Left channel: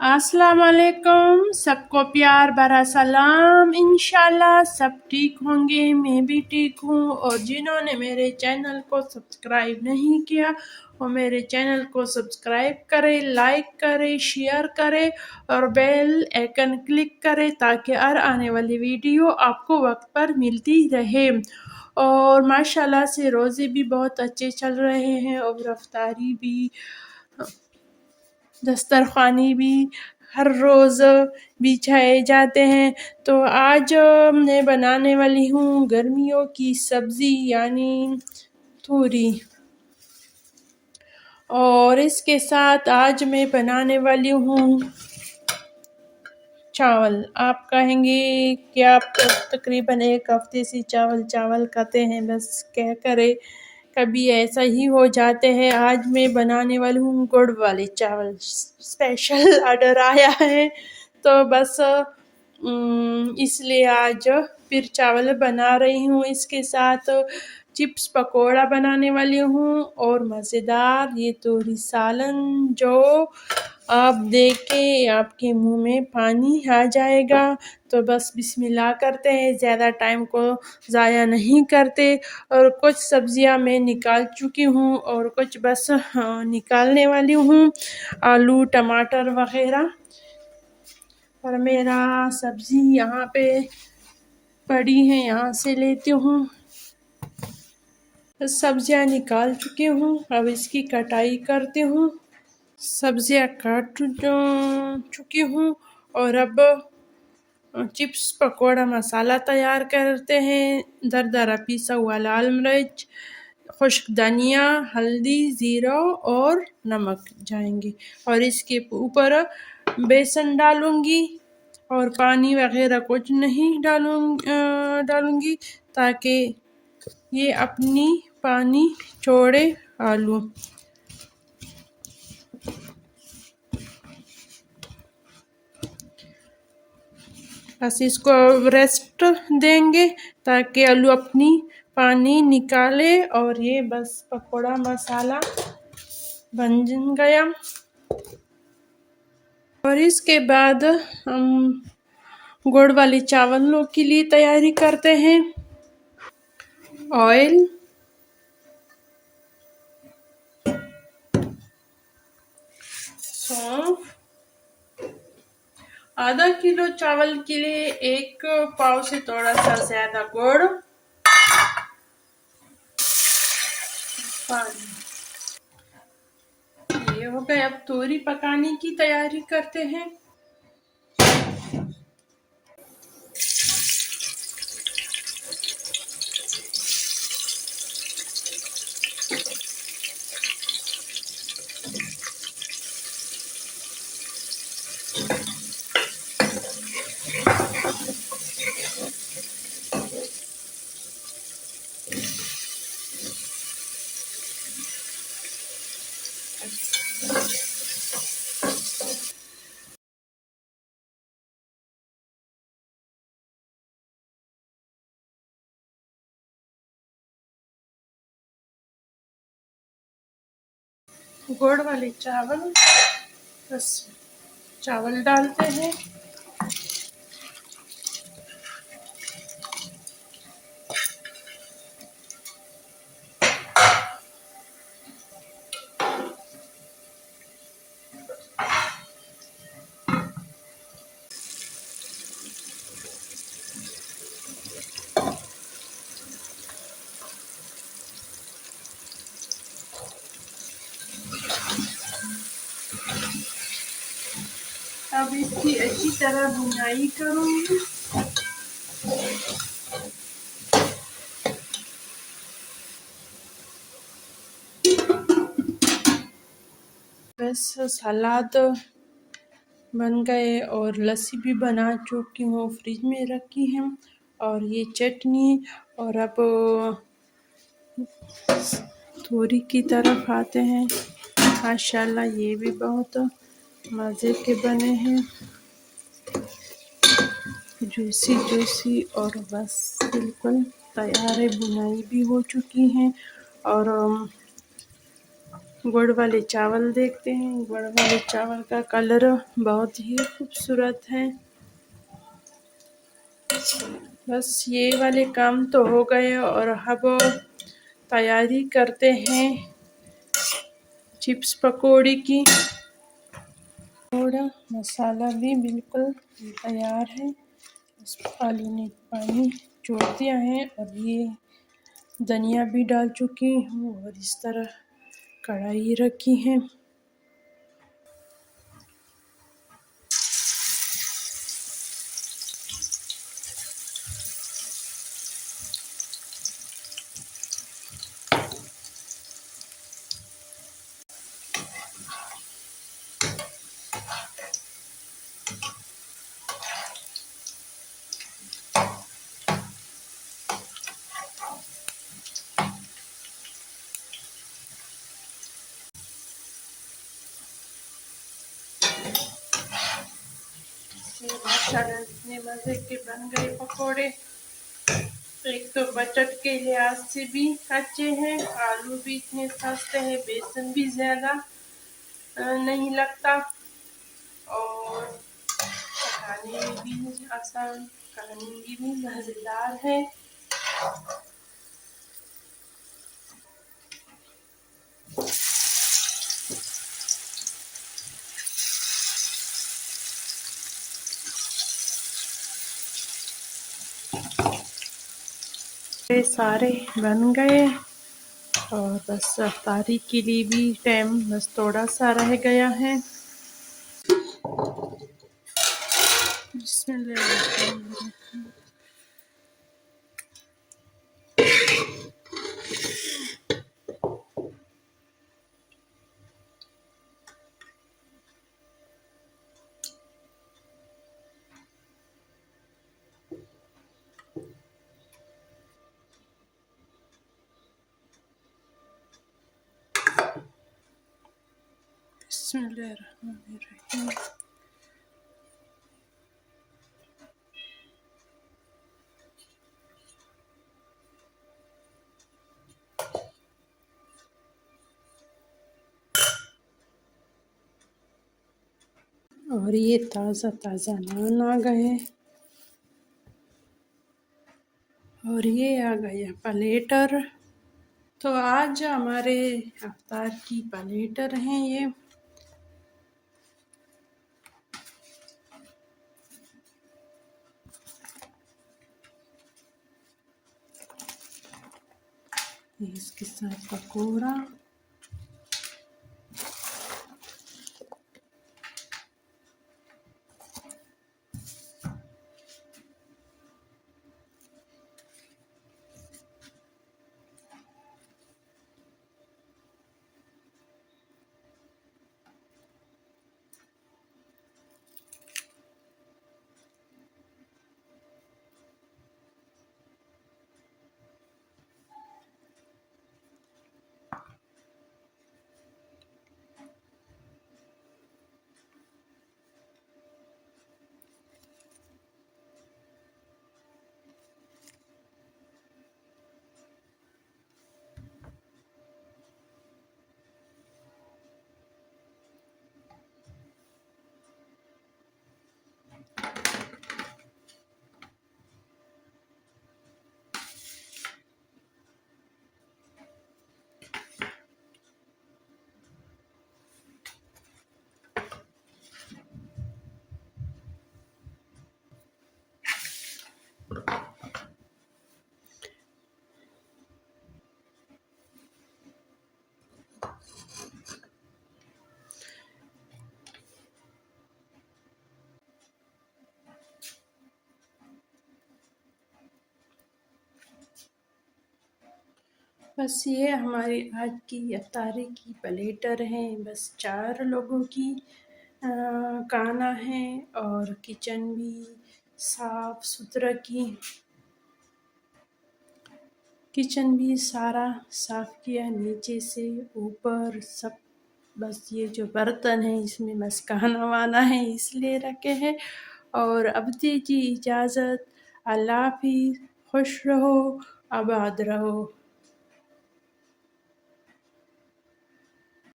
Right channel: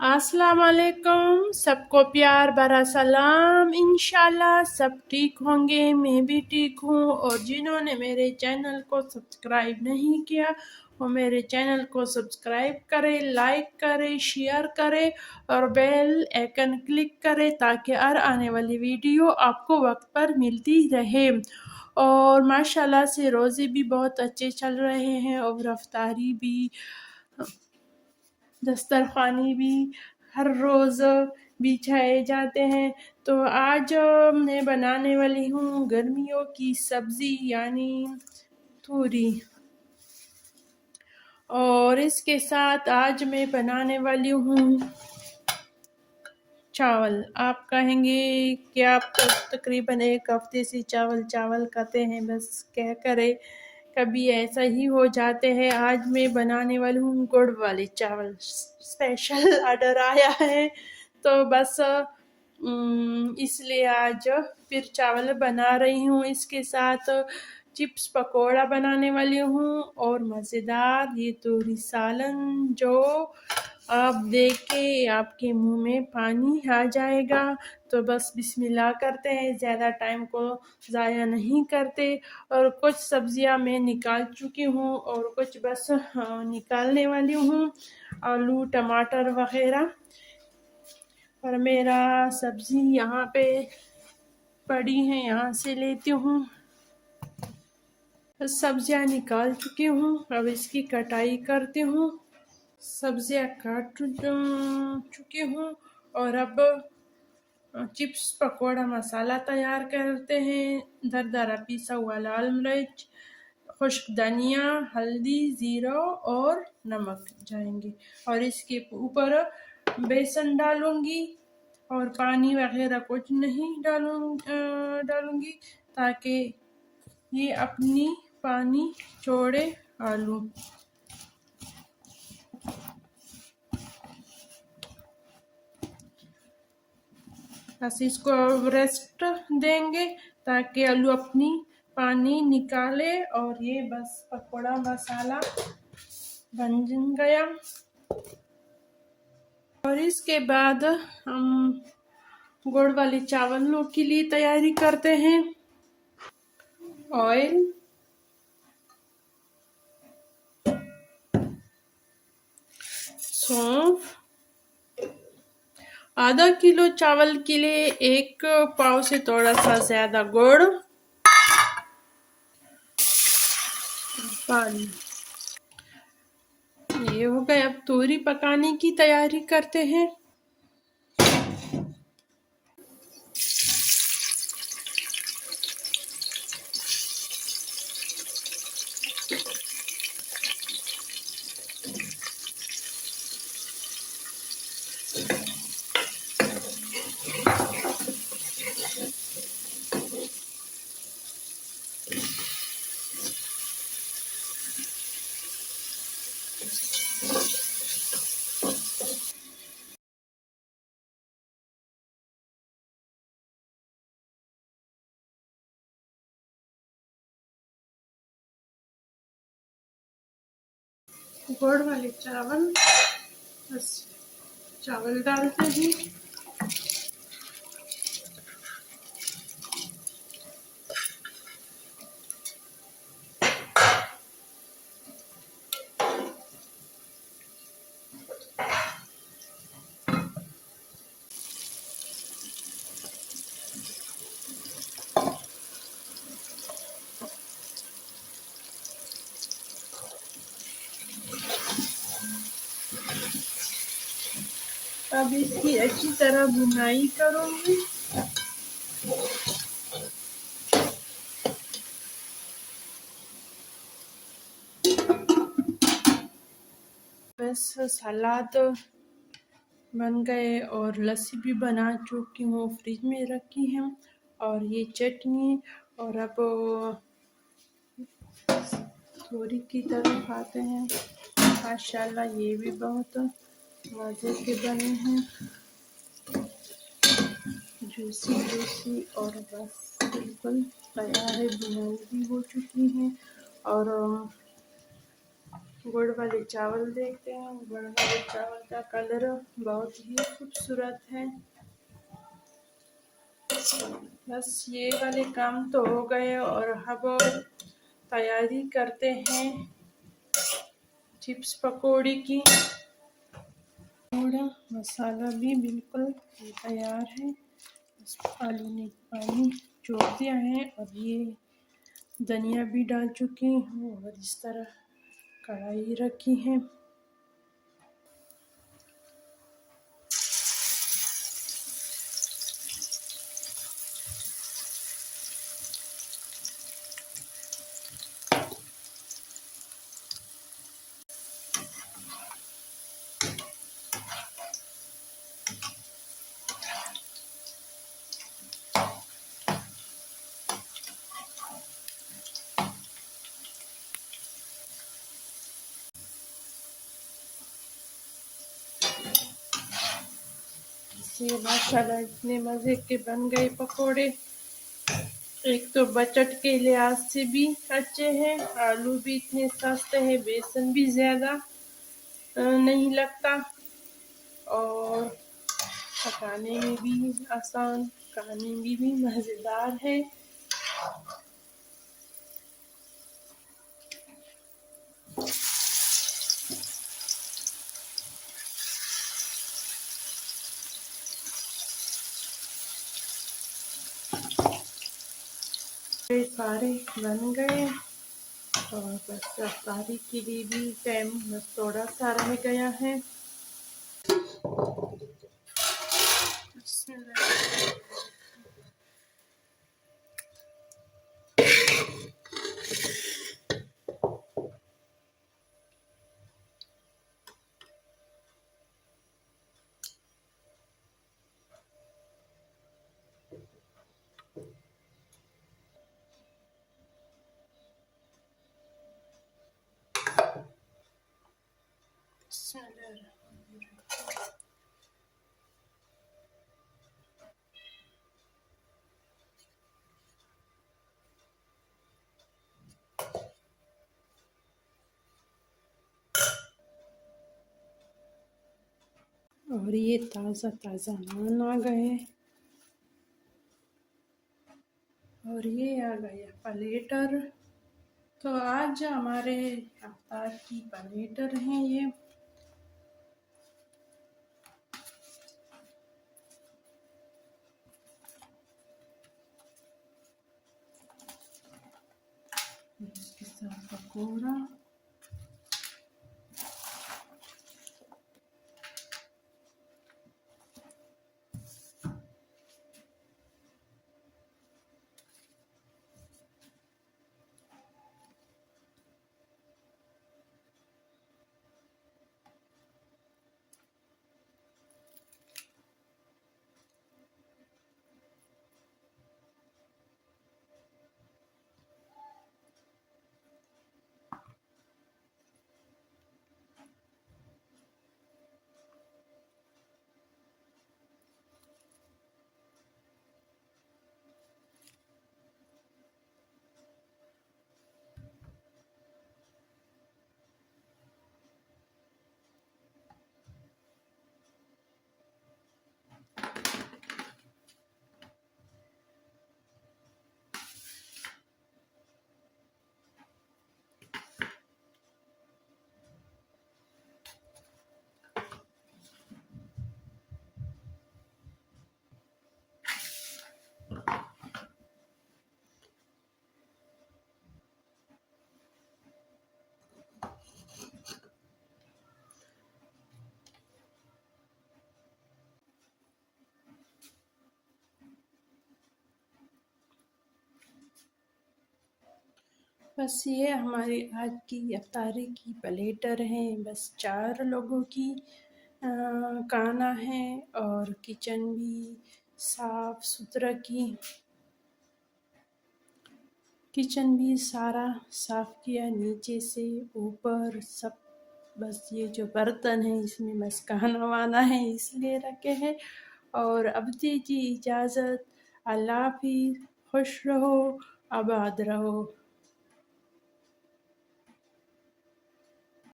अस्सलाम वालेकुम, सबको प्यार भरा सलाम। इंशाल्लाह सब ठीक होंगे, मैं भी ठीक हूँ। और जिन्होंने मेरे चैनल को सब्सक्राइब नहीं किया वो मेरे चैनल को सब्सक्राइब करें, लाइक करें, शेयर करें और बेल आइकन क्लिक करें ताकि हर आने वाली वीडियो आपको वक्त पर मिलती रहे। और माशाल्लाह से रोज़े भी बहुत अच्छे चल रहे हैं और रफ्तारी भी, दस्तरख़्वानी भी हर रोज़ बिछाए जाते हैं। तो आज मैं बनाने वाली हूँ गर्मियों की सब्ज़ी यानी तूरी, और इसके साथ आज मैं बनाने वाली हूँ चावल। आप कहेंगे कि आप तकरीबन एक हफ्ते से चावल चावल खाते हैं, बस क्या करें, कभी ऐसा ही हो जाते हैं। आज मैं बनाने वाली हूँ गुड़ वाले चावल, स्पेशल ऑर्डर आया है तो बस इसलिए आज फिर चावल बना रही हूँ। इसके साथ चिप्स पकोड़ा बनाने वाली हूँ और मज़ेदार ये तोरी सालन, जो आप देख के आपके मुंह में पानी आ जाएगा। तो बस बिस्मिल्लाह करते हैं, ज़्यादा टाइम को ज़ाया नहीं करते। और कुछ सब्जियां मैं निकाल चुकी हूँ और कुछ बस निकालने वाली हूँ, आलू टमाटर वगैरह। और मेरा सब्ज़ी यहाँ पे पड़ी है, यहाँ से लेती हूँ। सब्जियां निकाल चुकी हूँ, अब इसकी कटाई करती हूँ। सब्जियां काट चुकी हूँ और अब चिप्स पकोड़ा मसाला तैयार करते हैं। दरदरा पिसा हुआ लाल मिर्च, खुश्क धनिया, हल्दी, ज़ीरा और नमक जाएंगे। और इसके ऊपर बेसन डालूंगी और पानी वगैरह कुछ नहीं डालूंगी ताकि ये अपनी पानी छोड़े आलू। बस इसको रेस्ट देंगे ताकि आलू अपनी पानी निकाले। और ये बस पकोड़ा मसाला बन गया। और इसके बाद हम गुड़ वाले चावलों के लिए तैयारी करते हैं। ऑयल, सौंफ, आधा किलो चावल के लिए 1 पाव से थोड़ा सा ज्यादा गुड़, पानी। ये हो गए, अब तोरी पकाने की तैयारी करते हैं। गुड़ वाले चावल, बस चावल डालते हैं। अब इसकी अच्छी तरह भुनाई करूंगी। बस सलाद बन गए और लस्सी भी बना चुकी हूँ, फ्रिज में रखी है। और ये चटनी। और अब तोरी की तरफ आते हैं। माशाल्लाह ये भी बहुत मज़े के बने हैं, जूसी जूसी। और बस बिल्कुल तैयार है, बुनाई भी हो चुकी है। और गुड़ वाले चावल देखते हैं। गुड़ वाले चावल का कलर बहुत ही खूबसूरत है। बस ये वाले काम तो हो गए और अब तैयारी करते हैं चिप्स पकौड़ी की। थोड़ा मसाला भी बिल्कुल तैयार है। इस आलू ने पानी छोड़ दिया है और ये धनिया भी डाल चुकी हूँ और इस तरह कढ़ाई रखी है। ये माशाल्लाह इतने मज़े के बन गए पकोड़े। एक तो बजट के लिहाज से भी अच्छे हैं, आलू भी इतने सस्ते हैं, बेसन भी ज़्यादा नहीं लगता और पकाने में भी आसान, खाने में भी मज़ेदार है। ये सारे बन गए और बस अफ्तारी के लिए भी टाइम बस थोड़ा सा रह गया है। बिस्मिल्लाह। बिस्मिल्लाहिर्रहमानिर्रहीम। और ये ताज़ा ताज़ा नान आ गए और ये आ गया प्लेटर। तो आज हमारे अफ्तार की प्लेटर हैं ये। इसके साथ पकौड़ा, बस ये हमारी आज की इफ्तारी की प्लेटर है। बस 4 लोगों की खाना है और किचन भी साफ सुथरा की। किचन भी सारा साफ किया नीचे से ऊपर सब। बस ये जो बर्तन है इसमें बस खाना वाना है इसलिए रखे हैं। और अब दीजिए इजाज़त। अल्लाह हाफिज़। खुश रहो, आबाद रहो।